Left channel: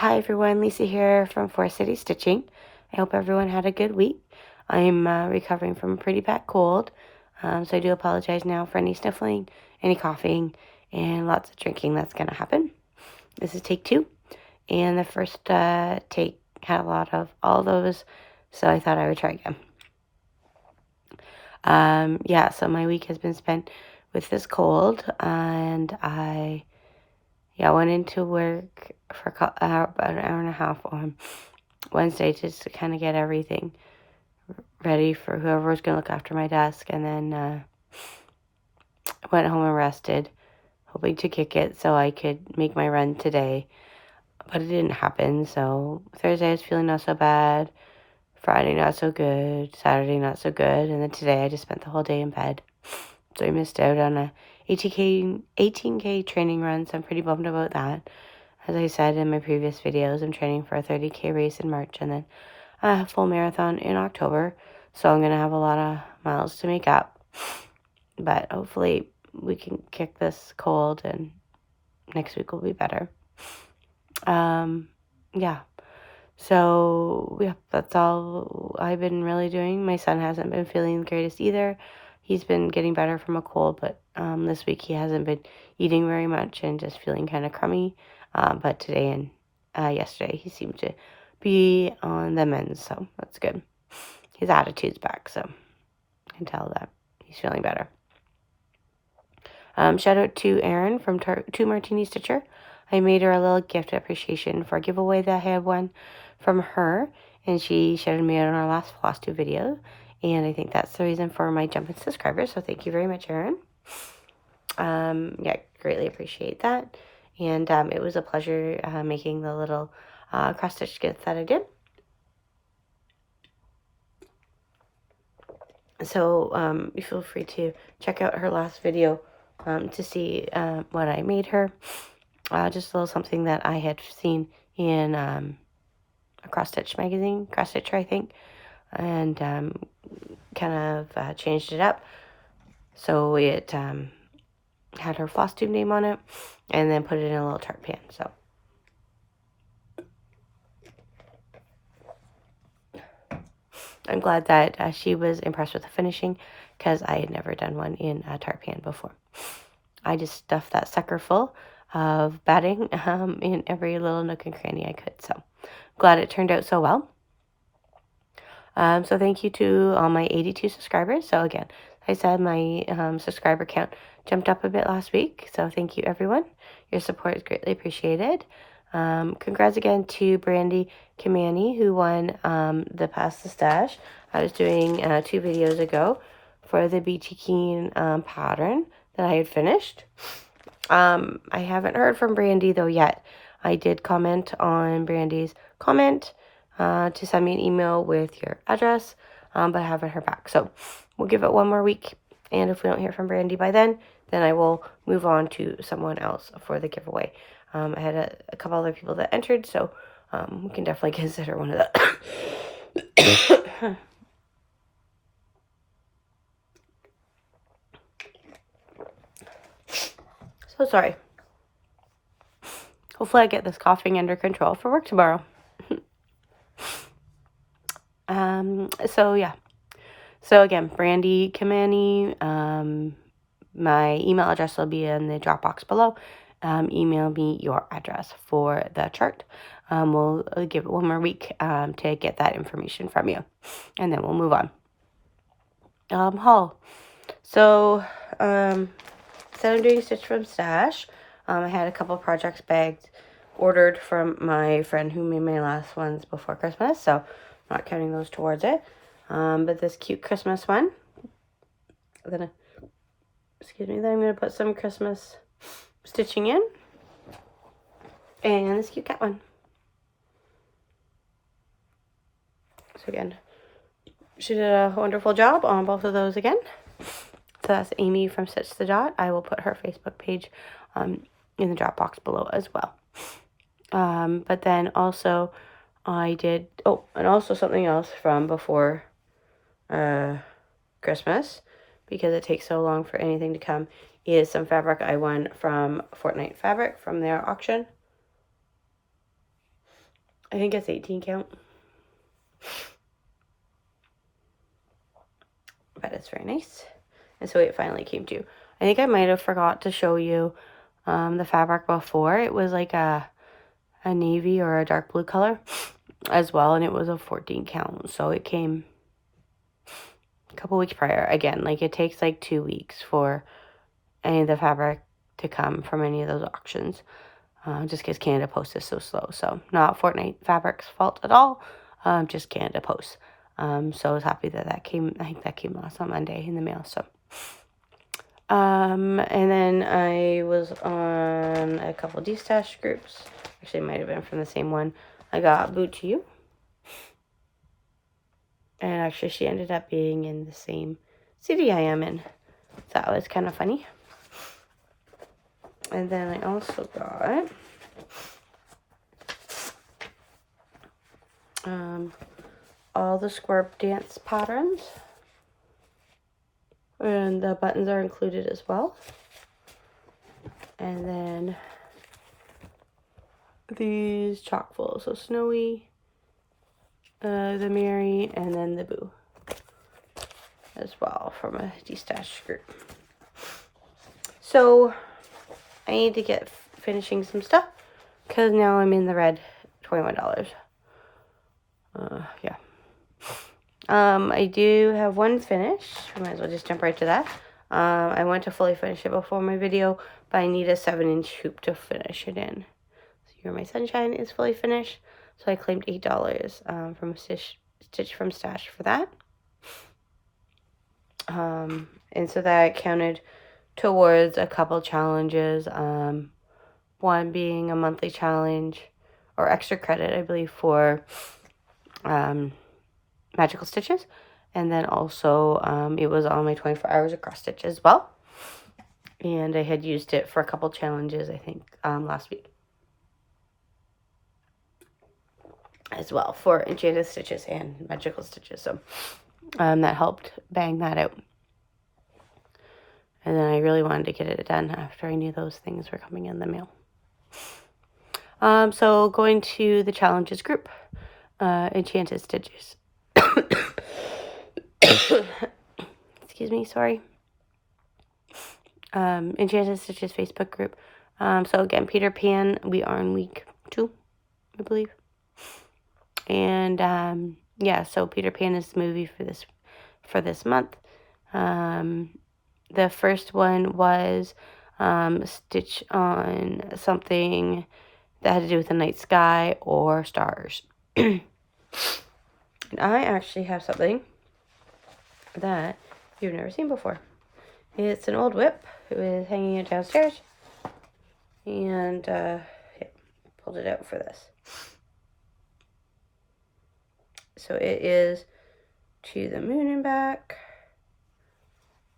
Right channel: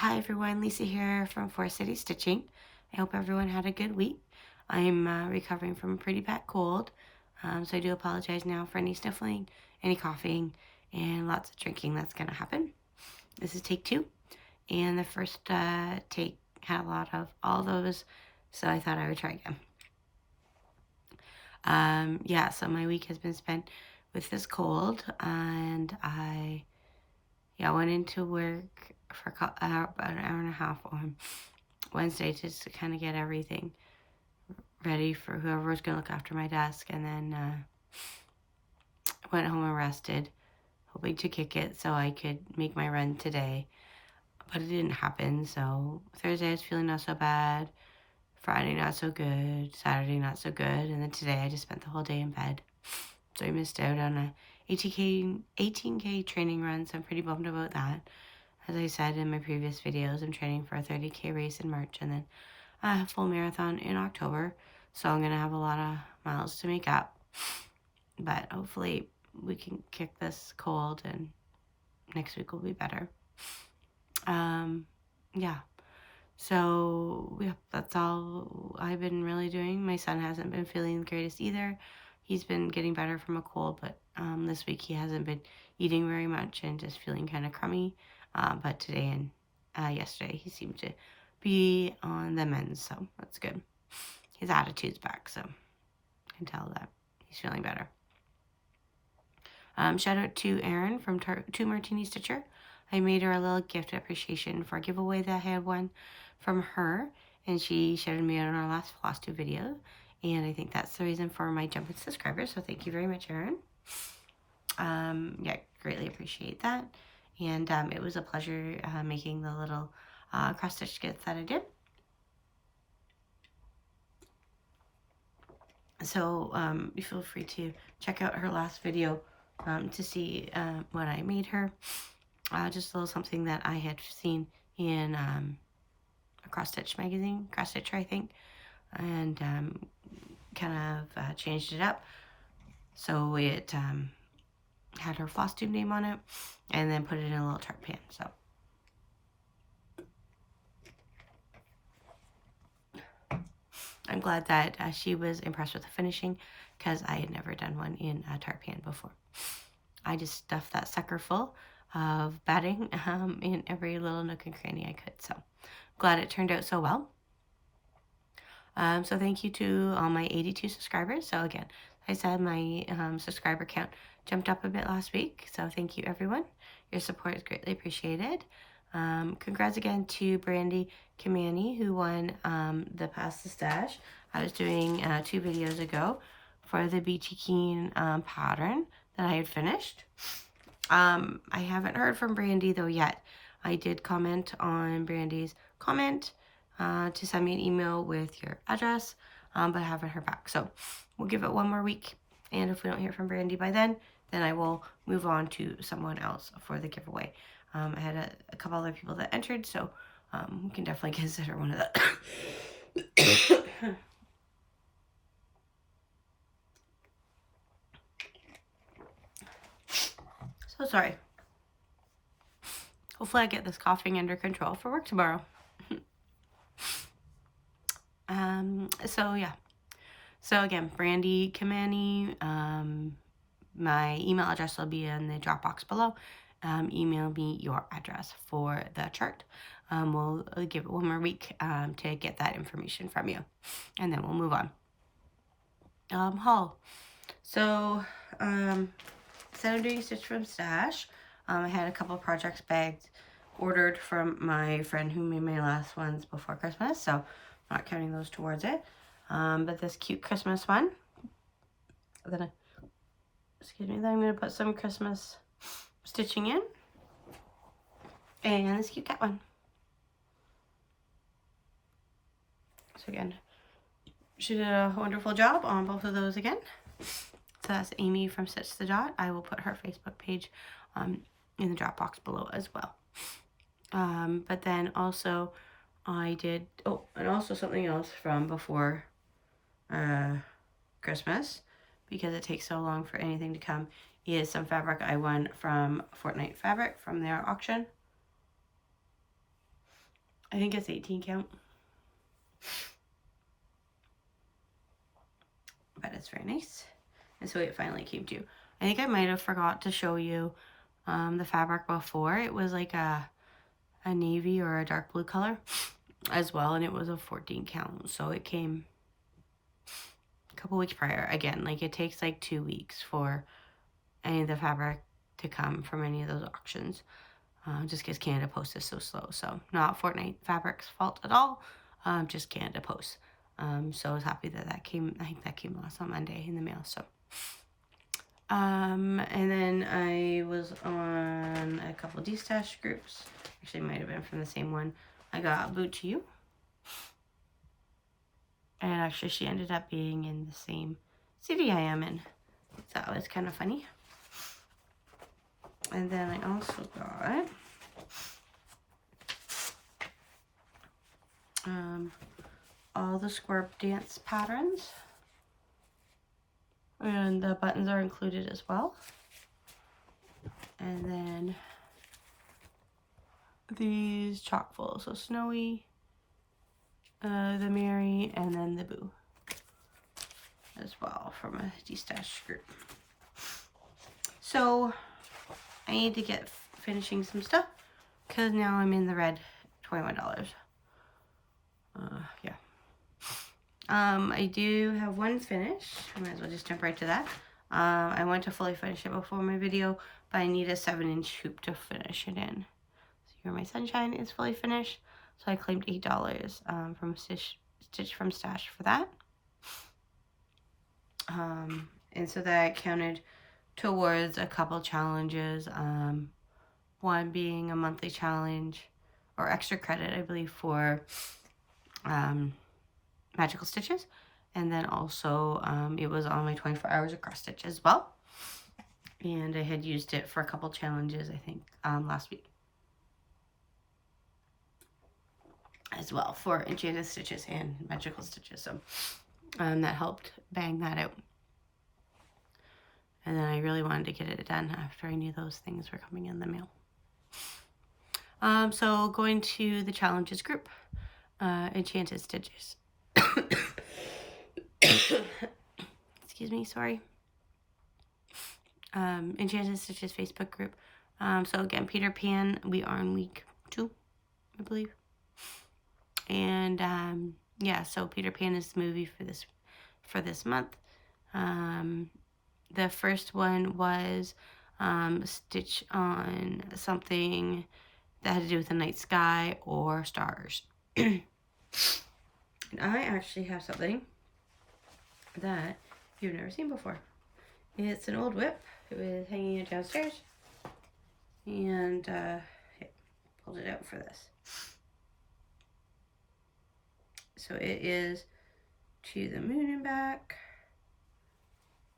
Hi everyone, Lisa here from Forest City Stitching. I hope everyone had a good week. I'm recovering from a pretty bad cold, so I do apologize now for any sniffling, any coughing, and lots of drinking that's going to happen. This is take 2, and the first take had a lot of all those, so I thought I would try again. So my week has been spent with this cold, and I went into work for about an hour and a half on Wednesday just to kind of get everything ready for whoever was going to look after my desk, and then went home and rested, hoping to kick it so I could make my run today, but it didn't happen. So Thursday I was feeling not so bad, Friday not so good, Saturday not so good, and then today I just spent the whole day in bed. So I missed out on a 18K training run, so I'm pretty bummed about that. As I said in my previous videos, I'm training for a 30K race in March and then a full marathon in October. So I'm going to have a lot of miles to make up. But hopefully we can kick this cold and next week will be better. So that's all I've been really doing. My son hasn't been feeling the greatest either. He's been getting better from a cold, but this week he hasn't been eating very much and just feeling kind of crummy. But today and yesterday he seemed to be on the mend, so that's good. His attitude's back, so I can tell that he's feeling better. Shout out to Erin from Two Martini Stitcher. I made her a little gift appreciation for a giveaway that I had won from her, and she shouted me out on our last Flosstube video, and I think that's the reason for my jump in subscribers, so thank you very much, Erin. Greatly appreciate that, and it was a pleasure making the little cross-stitch skits that I did. So you feel free to check out her last video to see what I made her. Just a little something that I had seen in a cross-stitch magazine, cross-stitcher I think, and kind of changed it up so it had her Flosstube name on it, and then put it in a little tart pan. So I'm glad that she was impressed with the finishing, because I had never done one in a tart pan before. I just stuffed that sucker full of batting in every little nook and cranny I could. So glad it turned out so well. So thank you to all my 82 subscribers. So again, I said my subscriber count jumped up a bit last week. So thank you, everyone. Your support is greatly appreciated. Congrats again to Brandy Kamani, who won the Pass the Stash. I was doing 2 videos ago for the Beachy Keen pattern that I had finished. I haven't heard from Brandy though yet. I did comment on Brandy's comment to send me an email with your address, but I haven't heard back. So we'll give it one more week, and if we don't hear from Brandy by then I will move on to someone else for the giveaway. I had a couple other people that entered, so we can definitely consider one of the So sorry. Hopefully I get this coughing under control for work tomorrow. So again, Brandy Kamani, my email address will be in the drop box below. Email me your address for the chart. We'll give it one more week to get that information from you, and then we'll move on. Haul. So instead of doing Stitch from Stash, I had a couple projects bags ordered from my friend who made my last ones before Christmas, so I'm not counting those towards it. But this cute Christmas one, then I'm going to put some Christmas stitching in, and this cute cat one. So again, she did a wonderful job on both of those again. So that's Amy from Stitch the Dot. I will put her Facebook page in the drop box below as well. But then also I did, and also something else from before Christmas, because it takes so long for anything to come, is some fabric I won from Fortnite Fabric from their auction. I think it's 18 count. But it's very nice. And so it finally came to. I think I might have forgot to show you the fabric before. It was like a navy or a dark blue color as well, and it was a 14 count. So it came a couple weeks prior. Again, like it takes like 2 weeks for any of the fabric to come from any of those auctions. Just because Canada Post is so slow. So not Fortnite Fabric's fault at all. Just Canada Post. So I was happy that came. I think that came last on Monday in the mail. So, and then I was on a couple D-stash groups. Actually, it might have been from the same one. I got Boot to You. And actually, she ended up being in the same city I am in. So that was kind of funny. And then I also got all the square dance patterns. And the buttons are included as well. And then these chockfuls. So Snowy, the Mary, and then the Boo as well from a D-stash group. So I need to get finishing some stuff because now I'm in the red, $21. Yeah. I do have one finish. I might as well just jump right to that. I want to fully finish it before my video, but I need a 7-inch hoop to finish it in. So You're My Sunshine is fully finished. So I claimed $8 from Stitch from Stash for that. And so that counted towards a couple challenges. One being a monthly challenge or extra credit, I believe, for magical stitches. And then also it was on my 24 hours Acrostic as well. And I had used it for a couple challenges, I think, last week. As well for enchanted stitches and magical stitches. So that helped bang that out. And then I really wanted to get it done after I knew those things were coming in the mail. So going to the challenges group, enchanted stitches. Excuse me, sorry. Enchanted Stitches Facebook group. So again, Peter Pan, we are in week 2, I believe. And yeah, so Peter Pan is the movie for this month. The first one was stitch on something that had to do with the night sky or stars. And I actually have something that you've never seen before. It's an old whip. It was hanging it downstairs. And pulled it out for this. So it is To the Moon and Back.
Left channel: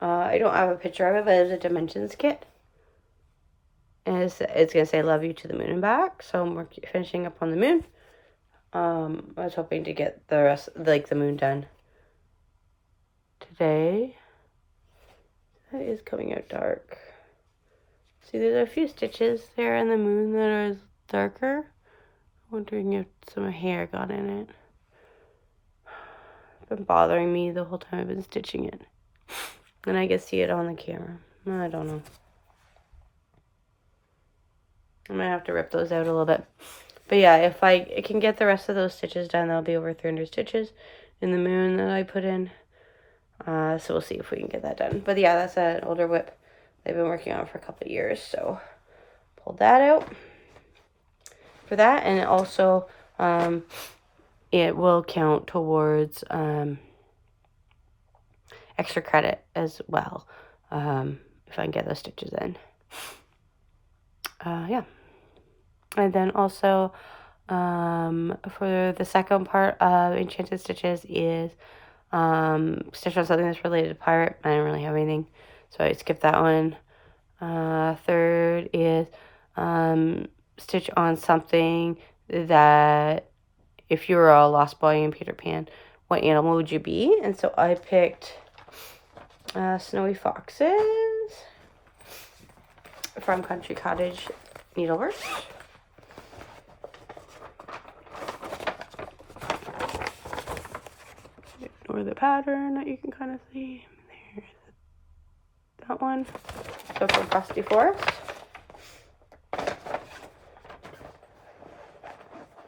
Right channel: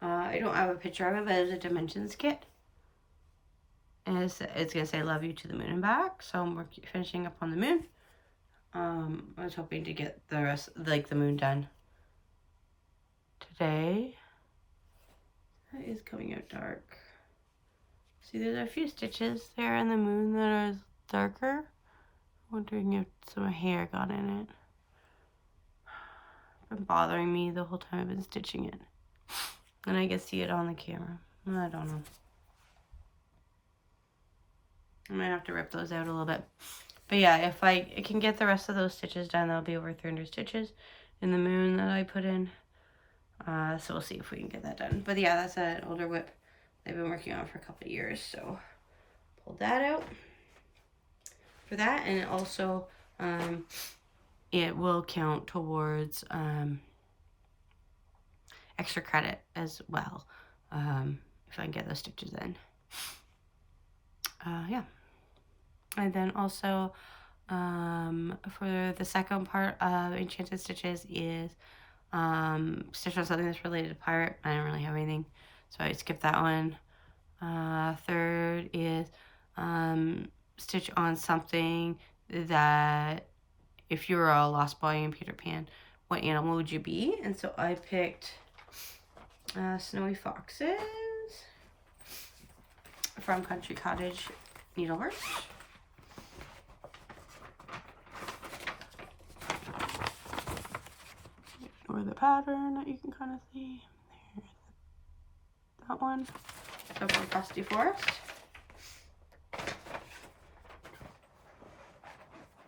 I don't have a picture of it, but it's a dimensions kit. And it's going to say Love You to the Moon and Back. So we're finishing up on the moon. I was hoping to get the rest, like the moon done today. That is coming out dark. See, there's a few stitches there in the moon that are darker. I'm wondering if some hair got in it. It's been bothering me the whole time I've been stitching it. And I can see it on the camera. I don't know. I might have to rip those out a little bit. But yeah, if I can get the rest of those stitches done, that'll be over 300 stitches in the moon that I put in. So we'll see if we can get that done. But yeah, that's an older whip they've been working on for a couple of years. So pulled that out for that. And it also, it will count towards extra credit as well. If I can get those stitches in. Yeah. And then also, for the second part of Enchanted Stitches is stitch on something that's related to pirate. I didn't really have anything, so I skipped that one. Third is stitch on something that if you were a lost boy in Peter Pan, what animal would you be? And so I picked Snowy Foxes from Country Cottage Needleworks. or the pattern that you can kind of see. There's that one. So from Frosty Forest.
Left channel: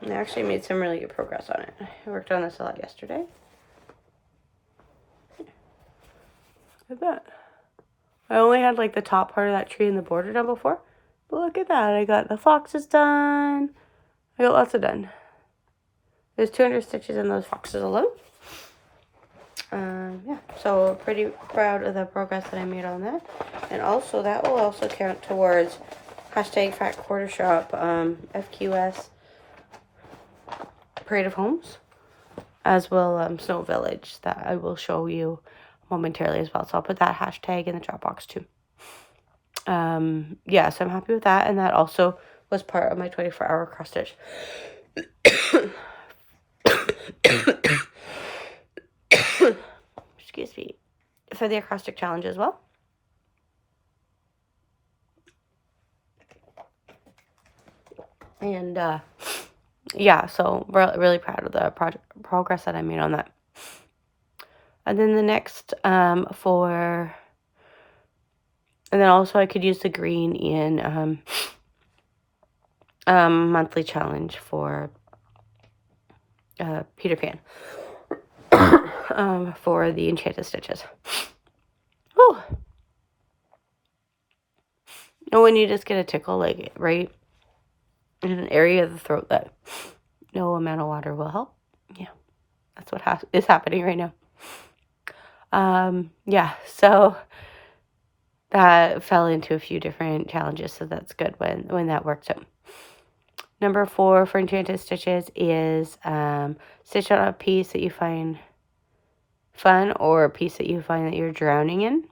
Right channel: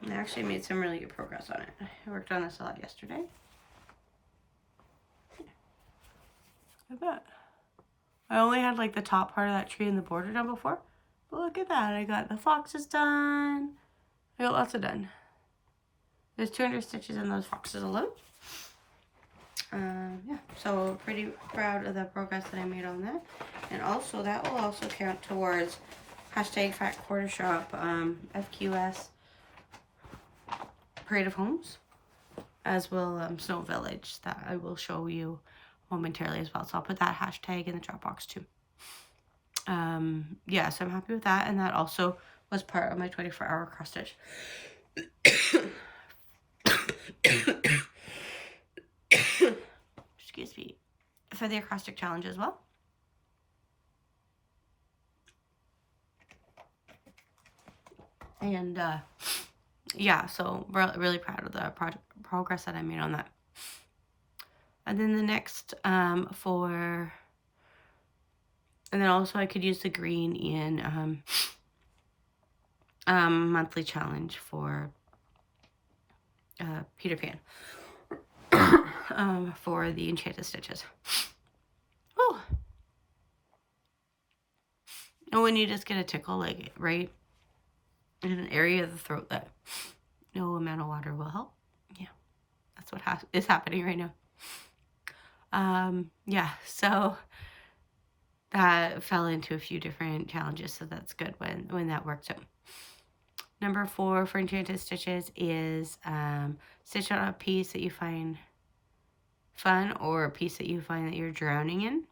And I actually made some really good progress on it. I worked on this a lot yesterday. Look at that. I only had like the top part of that tree and the border done before. But look at that. I got the foxes done. I got lots of done. There's 200 stitches in those foxes alone. Yeah, so pretty proud of the progress that I made on that. And also, that will also count towards hashtag Fat Quarter Shop, FQS, Parade of Homes, as well Snow Village, that I will show you momentarily as well. So I'll put that hashtag in the chat box too. Yeah, so I'm happy with that. And that also was part of my 24-hour cross stitch. Excuse me. For the Acrostic Challenge as well. And yeah, so really proud of the progress that I made on that. And then the next and then also I could use the green in monthly challenge for Peter Pan for the enchanted stitches. Oh, and when you just get a tickle, like right in an area of the throat that no amount of water will help. Yeah, that's what is happening right now. Yeah, so that fell into a few different challenges, so that's good when that works out. Number 4 for enchanted stitches is stitch on a piece that you find fun or a piece that you find that you're drowning in.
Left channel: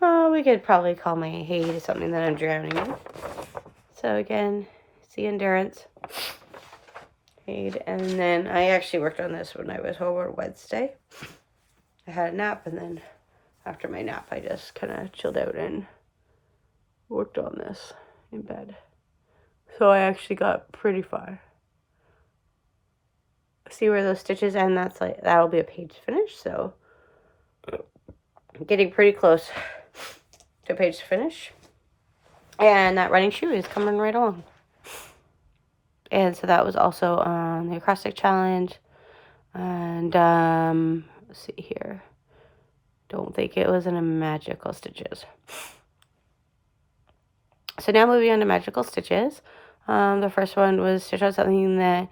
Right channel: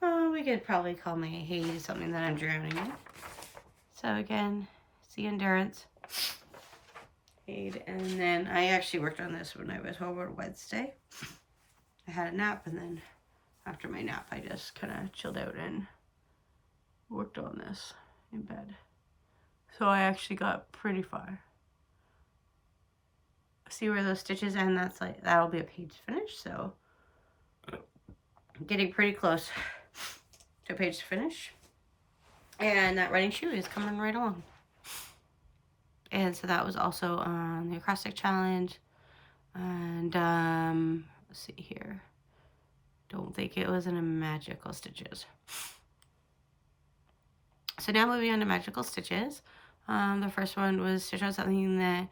We could probably call my hay something that I'm drowning in. So again, see endurance. And then I actually worked on this when I was home on Wednesday. I had a nap, and then after my nap, I just kind of chilled out and worked on this in bed. So I actually got pretty far. See where those stitches end? That'll be a page finish. So getting pretty close to page finish. And that running shoe is coming right along. And so that was also on the Acrostic Challenge. And let's see here. Don't think it was in a Magical Stitches. So now moving on to Magical Stitches. The first one was stitch on something that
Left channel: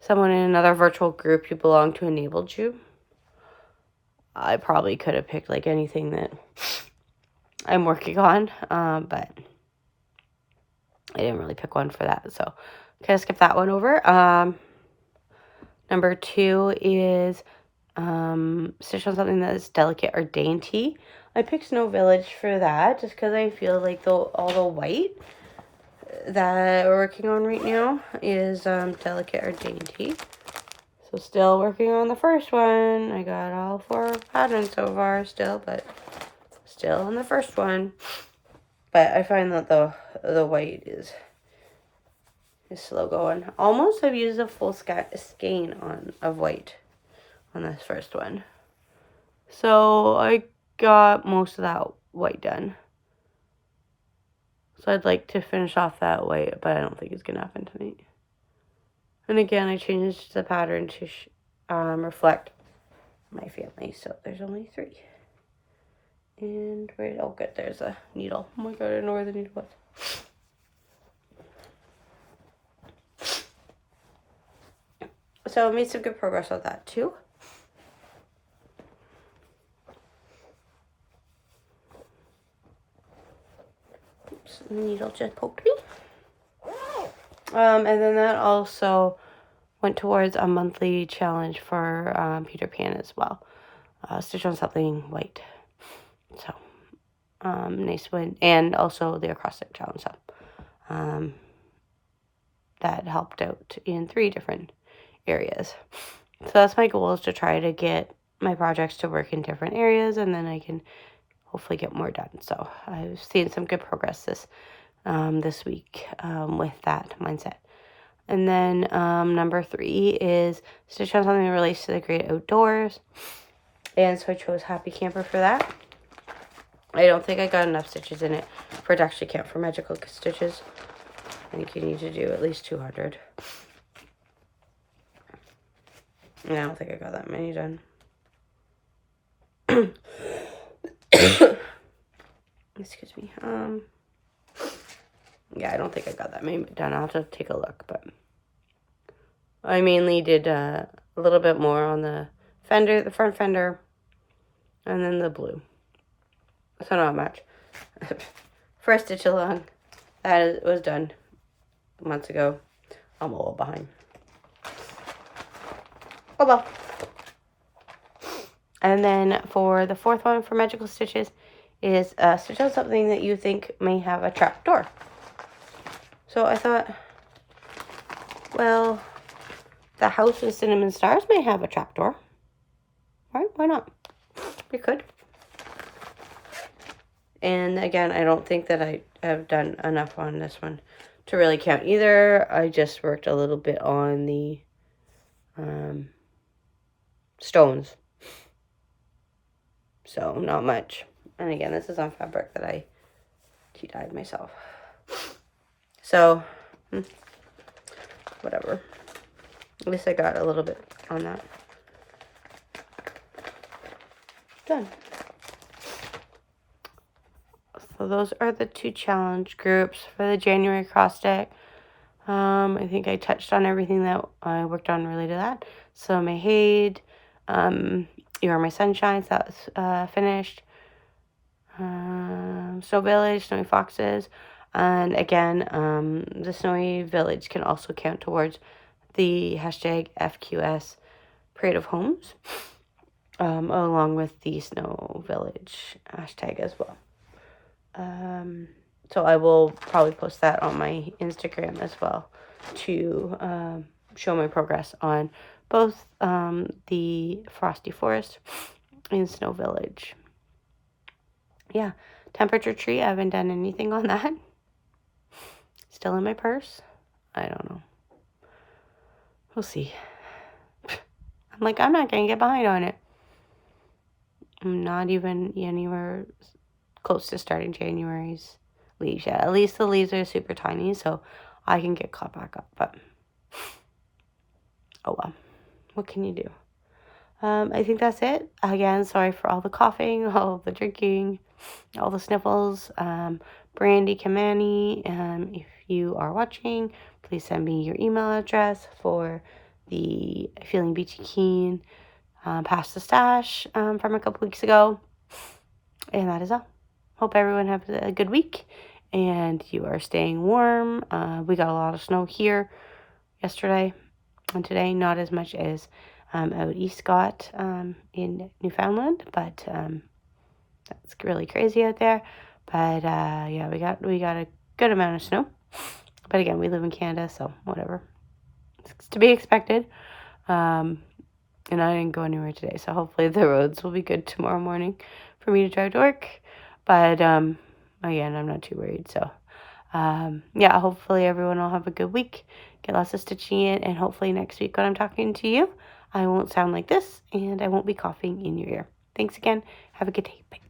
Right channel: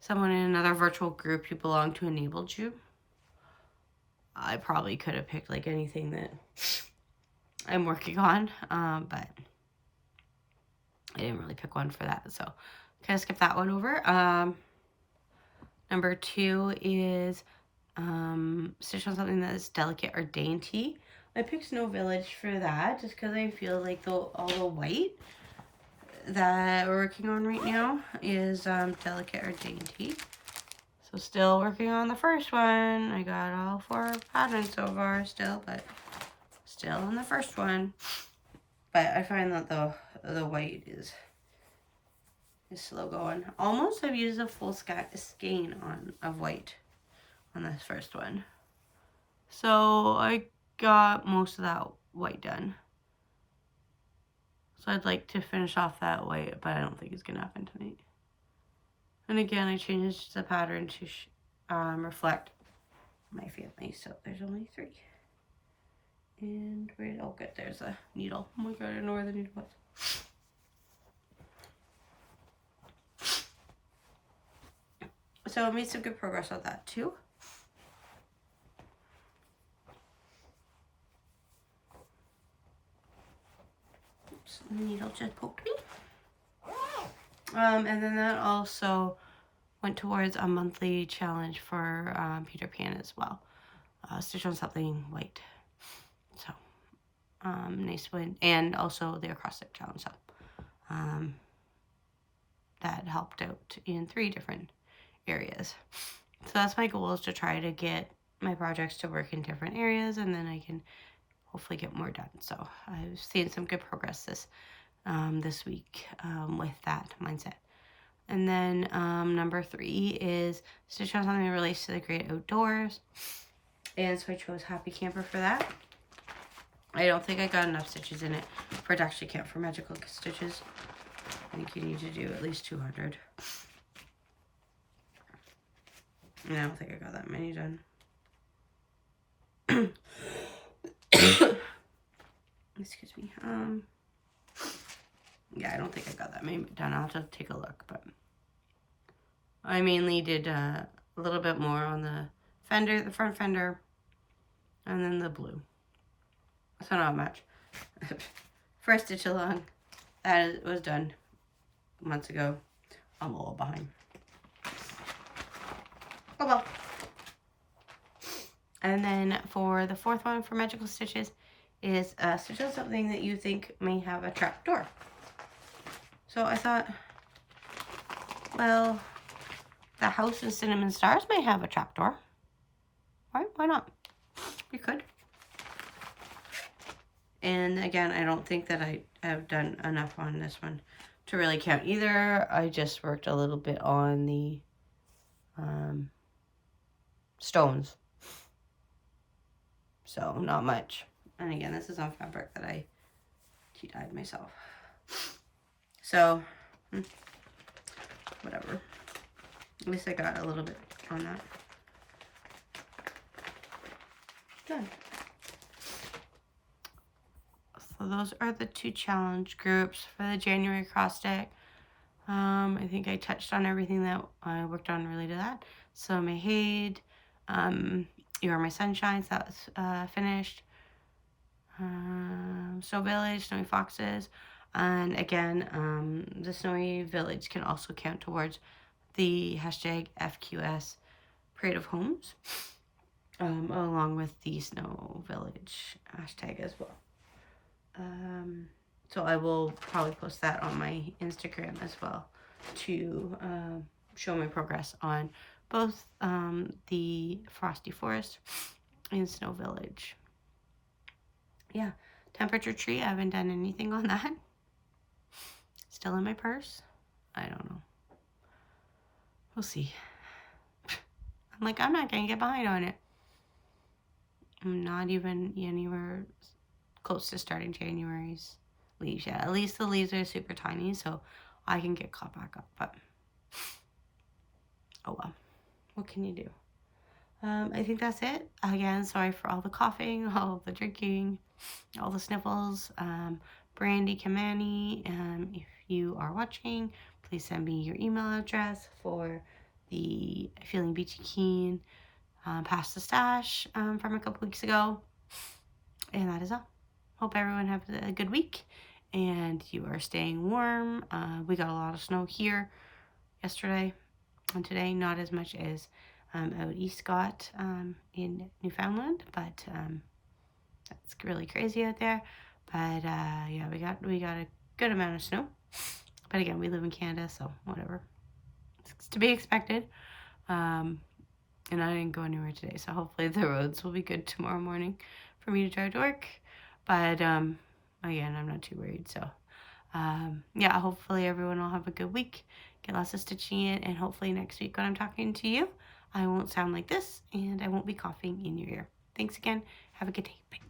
someone in another virtual group you belong to enabled you. I probably could have picked like anything that I'm working on, but I didn't really pick one for that, so kind of skip that one over. Number 2 is stitch on something that is delicate or dainty. I picked Snow Village for that just because I feel like all the white that we're working on right now is delicate or dainty. So still working on the first one. I got all 4 patterns so far still, but still on the first one. But I find that the white is slow going. Almost I've used a full skein of white on this first one. So I got most of that white done. So I'd like to finish off that white, but I don't think it's going to happen tonight. And again, I changed the pattern to reflect my family. So there's only 3. And where, oh good, there's a needle. Oh my god, I don't know where the needle was. So I made some good progress on that too. Oops, the needle just poked me. And then that also went towards a monthly challenge for Peter Pan as well. Stitch on something white. So, nice one. And also the Acrostic Challenge. So, that helped out in 3 different areas. So that's my goal, is to try to get my projects to work in different areas, and then I can hopefully get more done. So I've seen some good progress this week with that mindset. And then number 3 is stitch on something that relates to the great outdoors. And so I chose Happy Camper for that. I don't think I got enough stitches in it for it to actually count for magical stitches. I think you need to do at least 200. And I don't think I got that many done. Excuse me. Yeah, I don't think I got that many done. I'll have to take a look, but I mainly did a little bit more on the fender, the front fender, and then the blue. So not much. First stitch along, that was done months ago. I'm a little behind. Oh well. And then for the fourth one for magical stitches is stitch on something that you think may have a trap door. So I thought, well, the house in Cinnamon Stars may have a trap door. Right? Why not? We could. And again, I don't think that I have done enough on this one to really count either. I just worked a little bit on the stones. So not much. And again, this is on fabric that I tea-dyed myself. So, whatever. At least I got a little bit on that. Done. So those are the 2 challenge groups for the January Acrostic. I think I touched on everything that I worked on related to that. So Mayhaid, You Are My Sunshine, so that was finished. Snow Village, Snowy Foxes. And again, the Snowy Village can also count towards the hashtag FQS Parade of Homes, along with the Snow Village hashtag as well. So I will probably post that on my Instagram as well to show my progress on both the Frosty Forest and Snow Village. Yeah, temperature tree, I haven't done anything on that. Still in my purse. I don't know. We'll see. I'm like, I'm not going to get behind on it. I'm not even anywhere close to starting January's leaves yet. At least the leaves are super tiny, so I can get caught back up. But, oh well. What can you do? I think that's it. Again, sorry for all the coughing, all the drinking, all the sniffles. Brandy Kamani, if you are watching, please send me your email address for the Feeling Beachy Keen Past the Stash from a couple weeks ago. And that is all. Hope everyone has a good week and you are staying warm. We got a lot of snow here yesterday and today, not as much as out east got in Newfoundland, but that's really crazy out there. But yeah, we got a good amount of snow. But again, we live in Canada, so whatever. It's to be expected. And I didn't go anywhere today, so hopefully the roads will be good tomorrow morning for me to drive to work. But again, I'm not too worried. So yeah, hopefully everyone will have a good week. Get lots of stitching in, and hopefully next week when I'm talking to you, I won't sound like this, and I won't be coughing in your ear. Thanks again. Have a good day. Bye.